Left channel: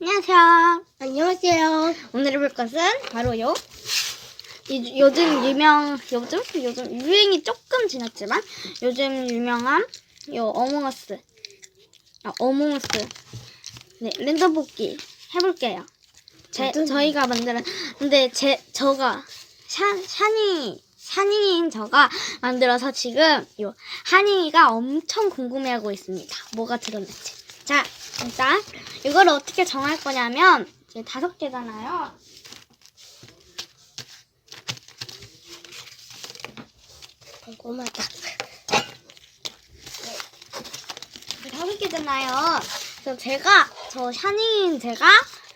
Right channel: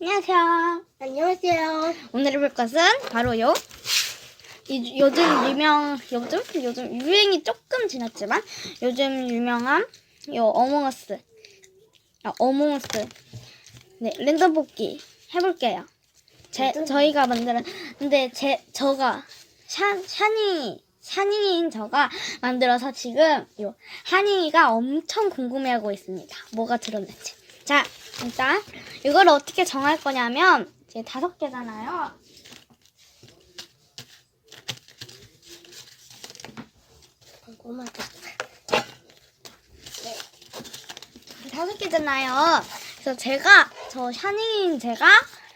안녕하세요. 안녕하세요. 오늘 해볼 것은 바로요. 이- 요즘 유명, 요즘? 요즘 유행이 조금 지났지만 요즘 유명한 요 어몽어스. 아, 어몽어스. 네, 랜덤 뽑기 해볼게요. 제? 저희가 만드는, 근데 제, 저가, 샤, 샤니, 샤니인 저가 만들어서 지금 요 한이가 엄청 궁금해하고 있습니다. 뭐가 들었는지. 자, 일단 이걸 어떻게 정할 거냐면 이제 다섯 개잖아요. 궁금하다. 다섯 개잖아요. 그래서 제가 저 샤닝인 제가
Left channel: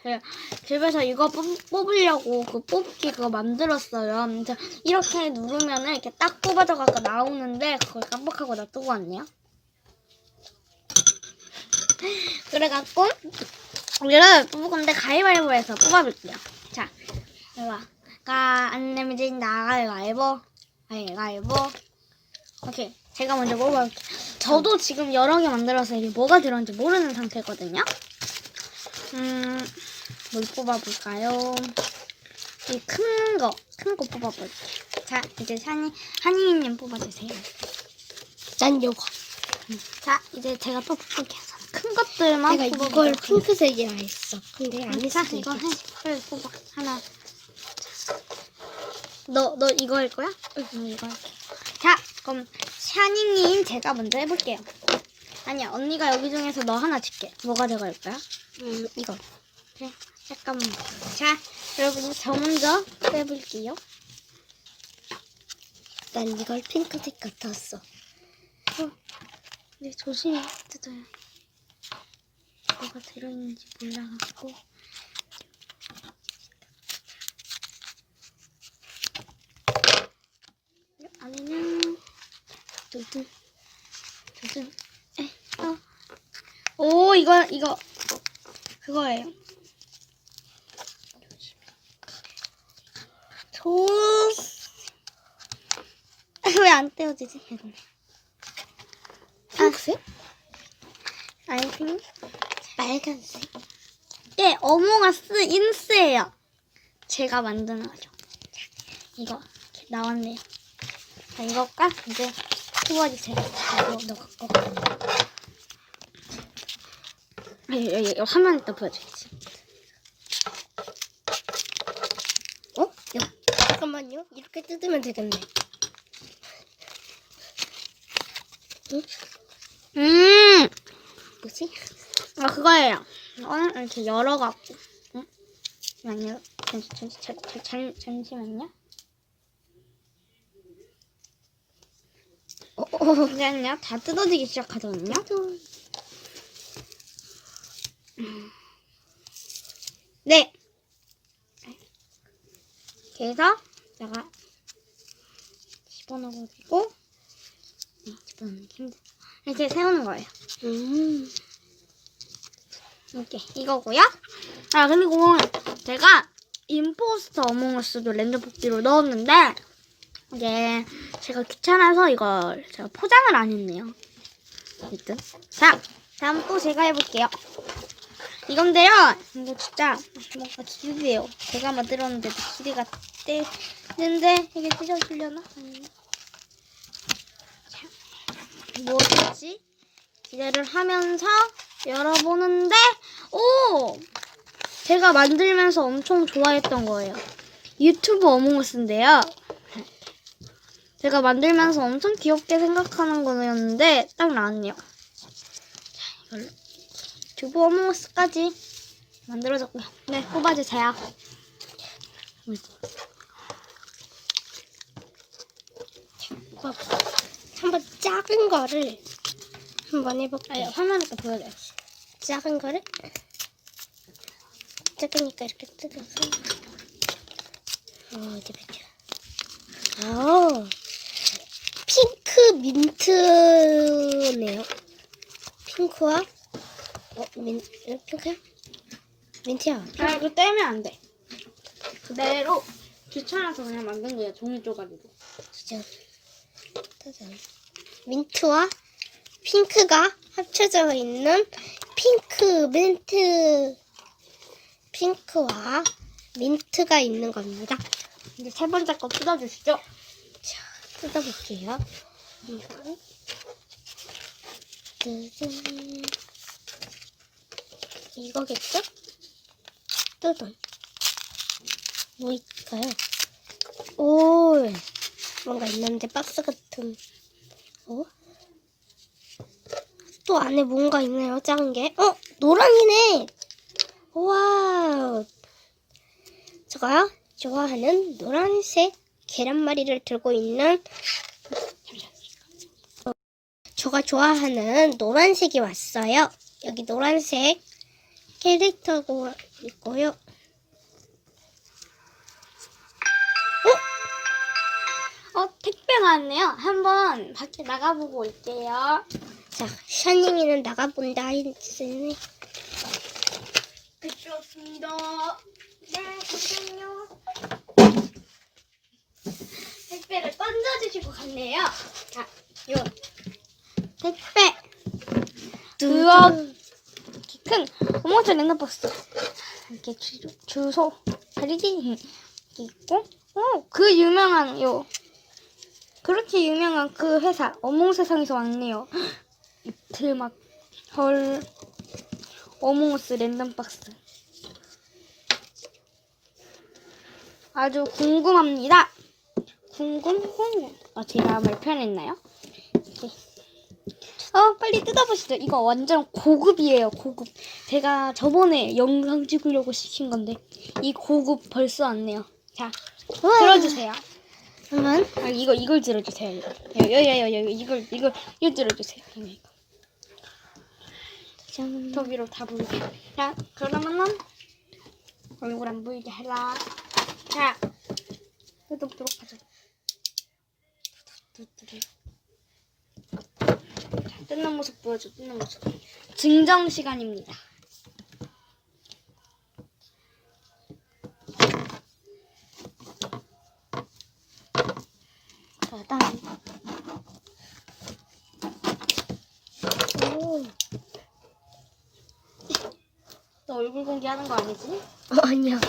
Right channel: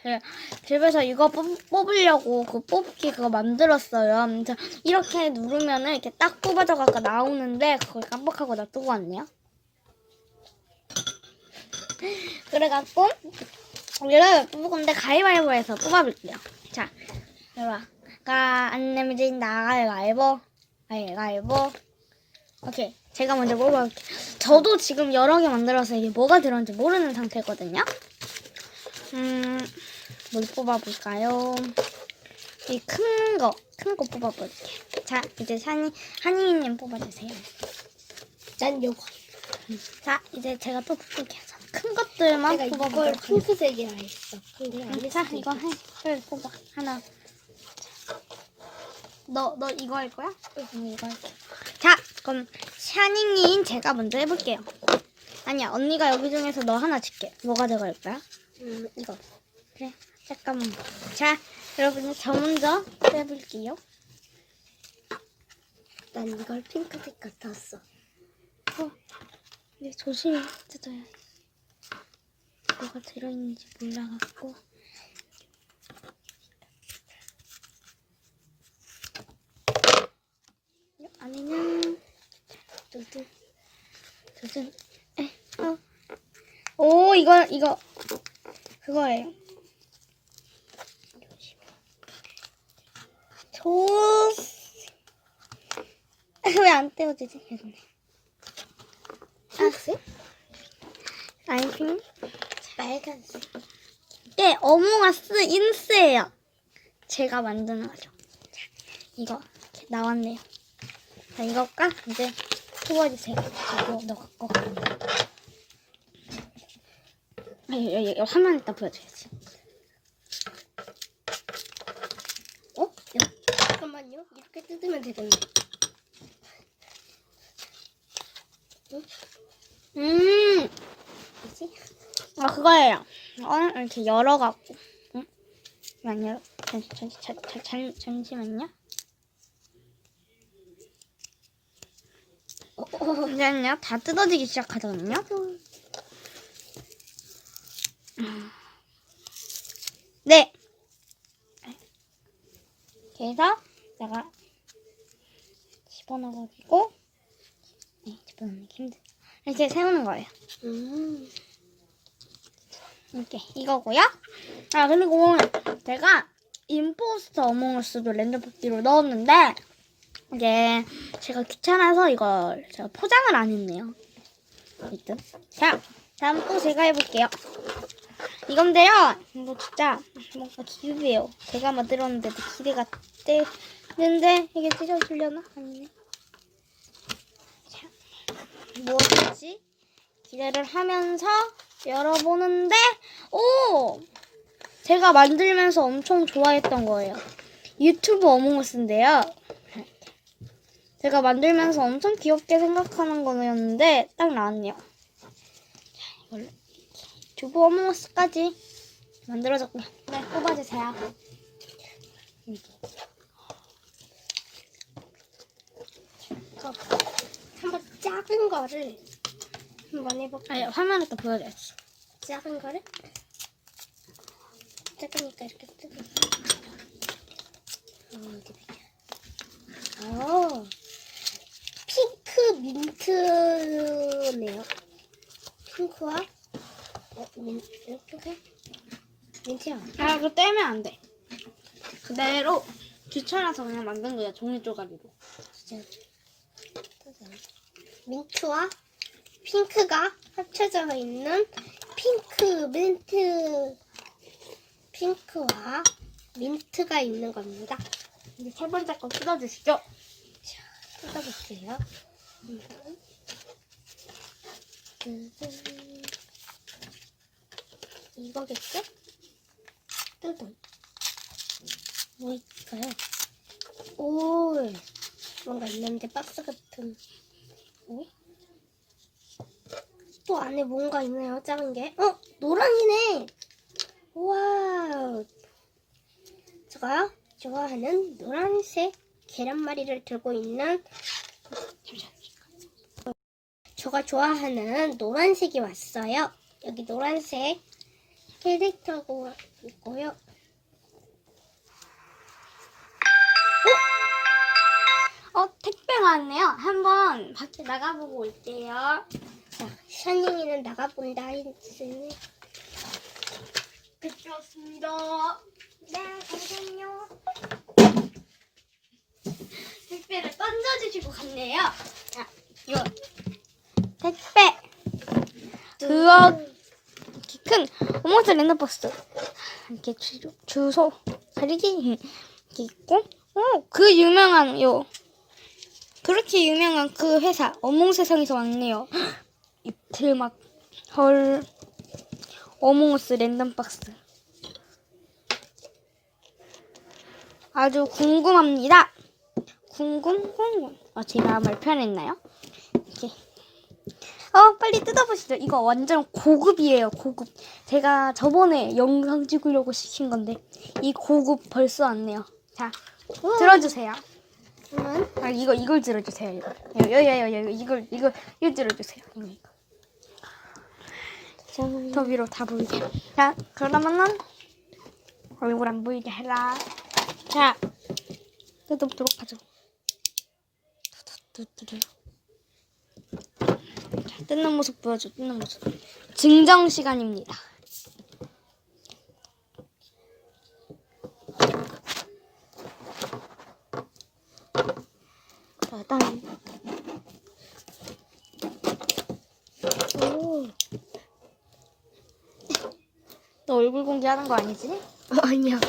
그 집에서 이거 뽑, 뽑으려고 그 뽑기 그거 만들었어요. 이렇게 누르면은 이렇게 딱 뽑아져 갖고 나오는데 그걸 깜빡하고 놔두고 왔네요. 그래갖고 우리를 뽑을 건데 가위바위보해서 뽑아볼게요. 자, 해봐. 가, 안 내면 진다. 가위바위보. 가위바위보. 오케이. 제가 먼저 뽑아볼게요. 저도 지금 여러 개 만들어서 이게 뭐가 들었는지 모르는 상태거든요. 음, 뭘 뽑아볼까요? 이 큰 거, 큰 거 뽑아볼게요. 자, 이제 산이, 한이님 뽑아주세요. 난 요거. 자, 이제 제가 또 뽑을게요. 큰 것들만 내가 이걸 뽑아볼게요. 핑크색이라 했어. 근데 안 자, 했어. 이거 해. 빨리 뽑아. 하나. 너, 너 이거 할 거야? 응, 이거 할게. 자, 그럼 샤니님 제가 먼저 해볼게요. 아니야, 언니가 여기 중에서 너 하나 줄게. 뭐가 들어갈 거야? 음, 이거. 그래, 잠깐만. 자, 여러분, 저 먼저 빼볼게요. 난 이걸 핑크색 같았어. 어, 근데 조심히 뜯어야 해. 뭐가 들었는지 몰라갖고. 안녕. 두두. 무슨 에, 어. 오 이거 이거 그거예요. 조스 왜안 떼어지지? 이거네. 핑크색? 알긴 빨간색. 네 어몽어스 인스예요. 제가 만든 거죠. 자, 이거 나왔네요. 자 이거가 이제 뽑아주세요. 이거 너 갖고. 아, 이, 이, 이 화면 이따 보여줘야지. 어? 이거. 잠깐만요. 이렇게 뜯으면 되겠네. 음, 뭐지? 아 그거예요. 어, 이렇게 열어갖고. 응? 잠시만요. 잠시, 잠시만요. 어, 어, 잠시만요. 다 뜯어지기 시작하거든요. 네. 이렇게 해서 내가 집어넣어가지고 네, 집어넣는 게 힘들. 이제 세우는 거예요. 음. 이렇게 이거고요. 아 그리고 제가 임포스터 어몽어스도 랜덤 뽑기로 넣었는데 이제 제가 귀찮아서 이걸 제가 포장을 안 했네요. 일단 자 다음 또 제가 해볼게요. 이건데요. 이거 진짜 뭔가 기대돼요. 제가 만들었는데도 기대가 되는데 이게 찢어지려나? 아니네. 자, 뭐지? 기대를 하면서 열어보는데 오! 제가 만들면서 엄청 좋아했던 거예요. 유튜브 어몽어스인데요. 제가 만들면서 엄청 귀엽게 생각하는 거였는데 딱 나왔네요. 자, 이걸로 유튜브 어몽어스까지 만들어졌고요. 네, 뽑아주세요. 어, 한번 작은 거를 한번 해볼까요? 화면에 또 보여줘요. 작은 거를 작으니까 이렇게 뜯어서 어 어디 보자 아 핑크 민트네요 핑크와 어 민, 핑크야? 민트야 아, 그거 떼면 안 돼. 그대로 귀찮아서 그냥 만든 거야 종이 쪼가리로. 진짜. 민트와 핑크가 합쳐져 있는 핑크 민트. 핑크와 민트가 있는 겁니다. 이제 세 번째 거 뜯어주시죠. 뜯어볼게요. 한번. 짜잔. 이거겠죠? 뜯어. 뭐일까요? 오, 뭔가 있는데 박스 같은. 어? 또 안에 뭔가 있네요, 작은 게. 어, 노랑이네. 와, 제가 좋아하는 노란색 계란말이를 들고 있는 제가 좋아하는 노란색이 왔어요. 여기 노란색 캐릭터가 있고요. 어 택배가 왔네요. 한번 밖에 나가보고 올게요. 자, 샤닝이는 나가본다 했으니 택배 왔습니다. 네 잠시만요. 택배를 던져주시고 갔네요. 자, 이거 택배. 우와. 큰 오모스 랜덤박스. 이렇게 주, 주소 가리기 있고 어 그 유명한 요 그렇게 유명한 그 회사 어몽 세상에서 왔네요. 이틀 막헐 어몽어스 랜덤박스. 아주 궁금합니다. 궁금 궁금 어제 마음을 표현했나요? 어 빨리 뜯어보시죠. 이거 완전 고급이에요. 고급. 제가 저번에 영상 찍으려고 시킨 건데 이 고급 벌써 왔네요. 자 들어주세요. 한번 아 이거 이걸 들어주세요. 이거 여여 여 여 이걸 이걸 이걸 들어주세요. 이거. 짠. 더 위로 다 보이게. 자 그러면은 얼굴 안 보이게 해라. 자 뜯어보도록 하죠. 뚜뚜뚜뚜. 자, 뜯는 모습 보여줘. 뜯는 모습. 증정 시간입니다. 자, 다음. 오. 너 얼굴 공개하는 거 아니지? 어, 아니야.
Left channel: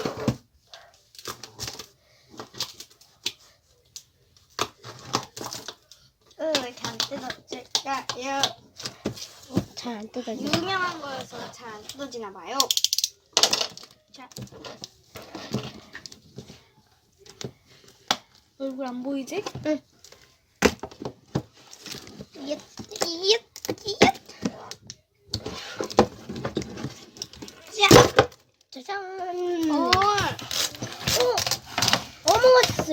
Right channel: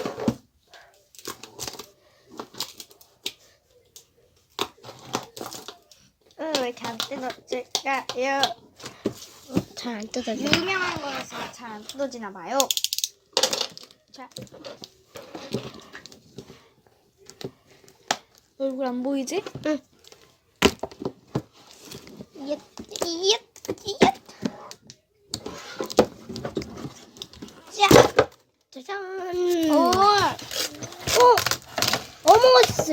응, 왜이렇게 안 뜯어질까요? 잘안 뜯어져. 유명한 거라서 잘 안 뜯어지나 봐요. 자. 얼굴 안 보이지? 응. 얏, 얏, 얏. 자, 짜잔. 오, 어,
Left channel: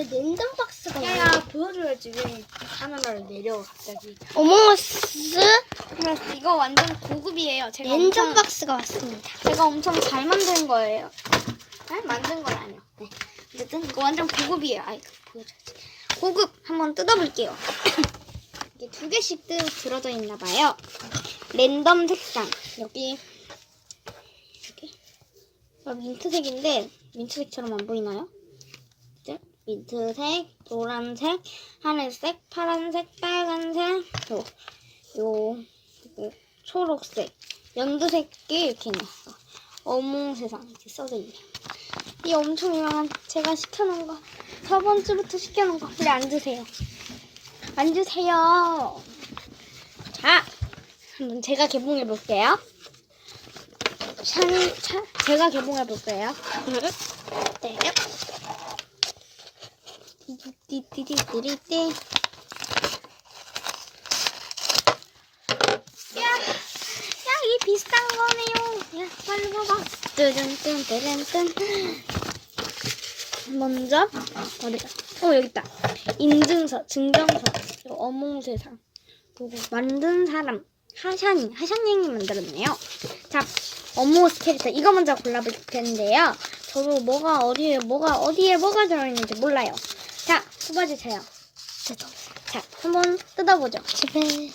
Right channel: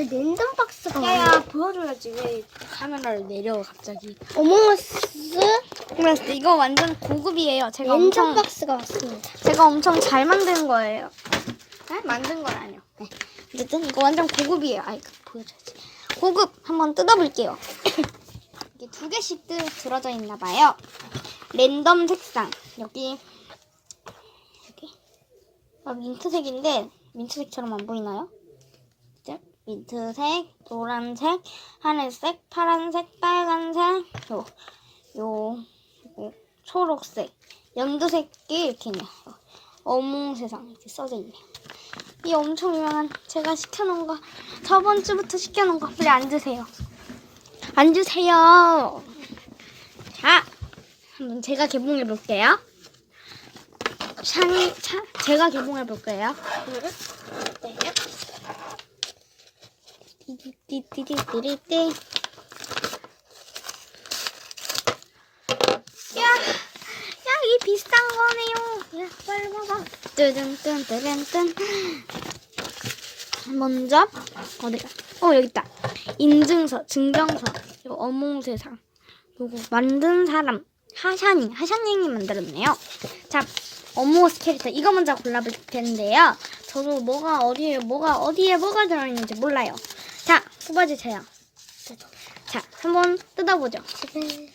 랜덤 박스가 야야 왔네. 보여줘야지 왜 카메라를 내려 갑자기. 어몽어스 그래서 이거 완전 고급이에요. 제가 랜덤 엄청 박스가 왔습니다. 제가 엄청 잘 만든 거예요. 네? 만든 건 아니요. 네. 어쨌든 이거 완전 고급이에요. 아이 보여줘야지. 고급 한번 뜯어볼게요. 이게 두 개씩 드, 들어져 있나 봐요. 랜덤 색상 여기 이렇게 아, 민트색인데 민트색처럼 안 보이나요? 민트색, 노란색, 하늘색, 파란색, 빨간색, 요, 요, 요 초록색, 연두색이 이렇게 있네요. 어몽 세상 이렇게 써져 있네요. 이 엄청 유명한 제가 시켜놓은 거 저번 주부터 시켜놓은 거 우리 앉으세요. 앉으세요. 자, 한번 제가 개봉해 볼게요. 샤니, 차, 제가 개봉해 볼게요. 네. 띠띠띠띠띠띠. 야, 야, 이 비싼 거네요. 야, 빨리 봐봐. 뜨든뜬뜨든뜬. 먼저 어디? 어 여기 있다. 인증서, 증정서, 어몽세상, 그리고 만든 사람 하샤닝, 하샤닝이 만들었네요. 자, 어몽어스 캐릭터 이거 먼저 골라볼 텐데요. 저도 뭐가 어디에 뭐가 어디에 뭐가 들어있는지 몰라요. 자, 뽑아주세요. 자, 한번 뜯어보죠. 집에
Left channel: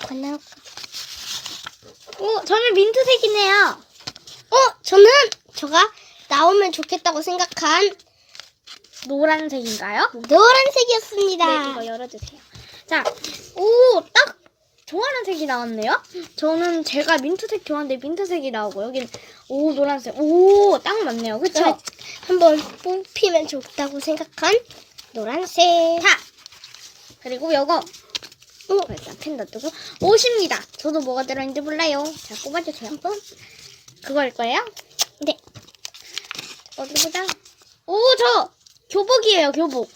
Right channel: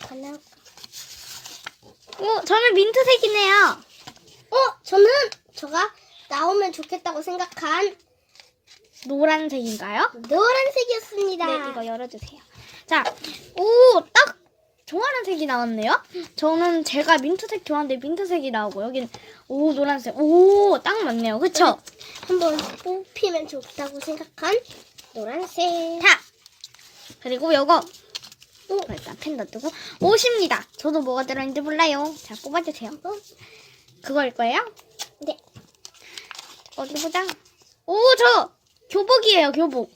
관하고. 오, 저는 민트색이네요. 어, 저는 저가 나오면 좋겠다고 생각한 노란색인가요? 노란색이었습니다. 네, 이거 열어주세요. 자, 오, 딱 좋아하는 색이 나왔네요. 저는 제가 민트색 좋아하는데 민트색이 나오고 여긴 오 노란색. 오, 딱 맞네요. 그쵸? 네. 한번 뽑히면 좋다고 생각한 노란색. 자, 그리고 요거 오, 일단 펜 넣어두고 옷입니다. 저도 뭐가 들어있는지 몰라요. 자, 뽑아주세요. 한번. 그거일 거예요? 네. 어디 보자. 오, 저 교복이에요, 교복.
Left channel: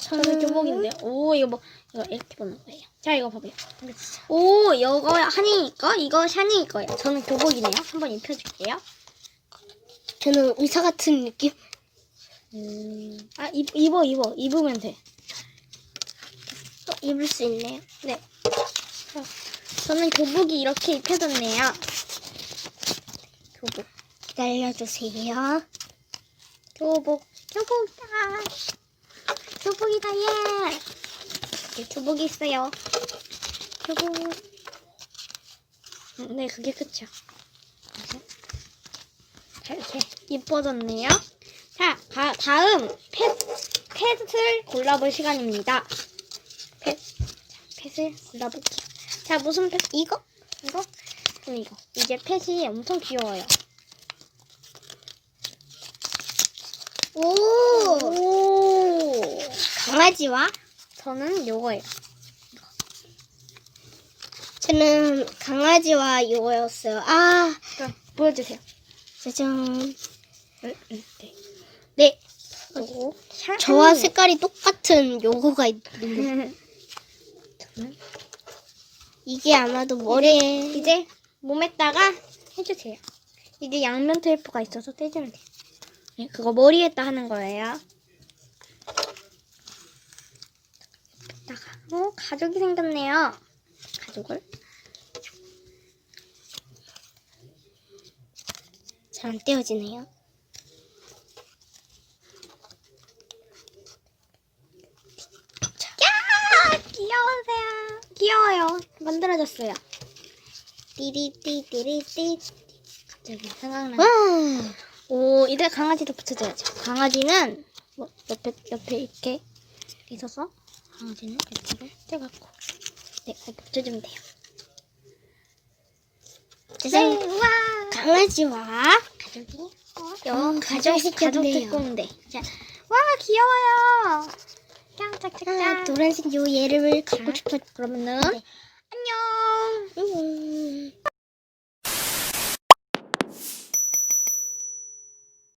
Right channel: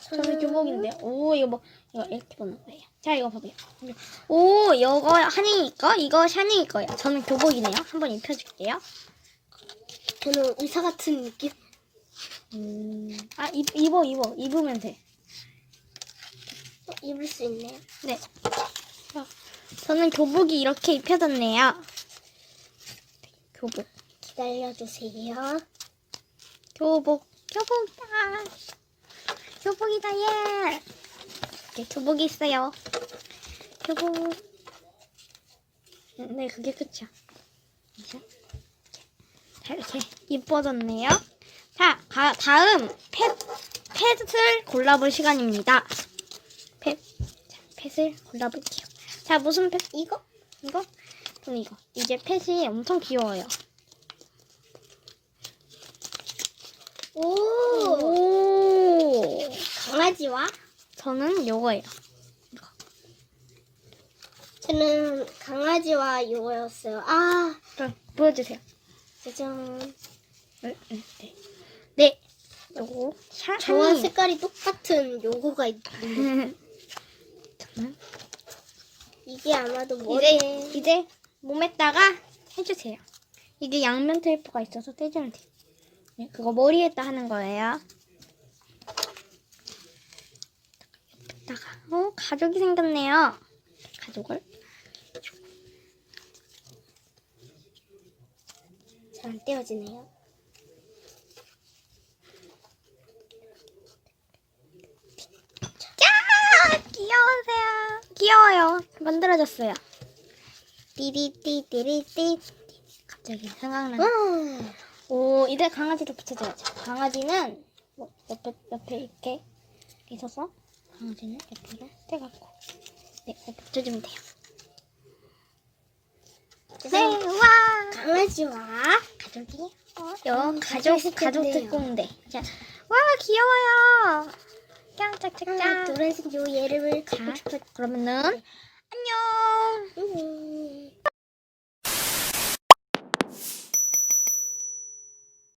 저는 교복인데. 오, 이거 뭐 이거 이렇게 보는 거예요. 자, 이거 봐봐요. 오, 이거 한이니까 이거 샤니일 거예요. 저는 교복이네요. 한번 입혀줄게요. 저는 의사 같은 느낌. 음, 아, 입, 입어, 입어. 입으면 돼. 어, 입을 수 있네요. 네. 자, 저는 교복이 이렇게 입혀졌네요. 교복. 기다려주세요. 교복. 교복이다. 교복이다, 예. 네, 교복이 있어요. 교복. 음, 네, 그게 끝이야. 그래서 자, 이렇게 이뻐졌네요. 자, 가, 다음 펫, 펫을 골라볼 시간입니다. 펫. 자, 펫을 골라볼게요. 자, 무슨 펫? 이거? 이거? 그럼 이거. 이제 펫이 엄청 귀여워요. 오, 오. 강아지와 저는 요거예요. 저는 강아지와 이거였어요. 아, 보여주세요. 짜잔. 네. 네. 네. 요거. 사, 저와 음. 색깔이 똑같은 요거가 있는데 이게 아마도 머리에 이제, 이제 몸에다가 해주세요. 이게 양면 테이프가 있어서 떼주면 돼요. 네, 그거 머리에다 하는 거예요. 여기다가 어 가족이 생겼네요. 가족을 잘 안 떼어지네요. 야 귀여우세요. 귀여워요. 만들어졌어요. 띠리띠띠리띠 갑자기 생각나. 와, 오, 이제 강아지도 붙여줘야죠. 강아지는 뭐 옆에 옆에 이렇게 있어서 강아지는 이렇게 떼갖고 네, 붙여주면 돼요. 짜잔. 네, 와, 강아지와 가족이 어, 여 음, 가족 가족 생겼네요. 특공대. 자, 와 귀여워요. 짱짝짝짱. 아, 노란색 요 얘를 갖고 싶어. 그러면은 안녕. 음.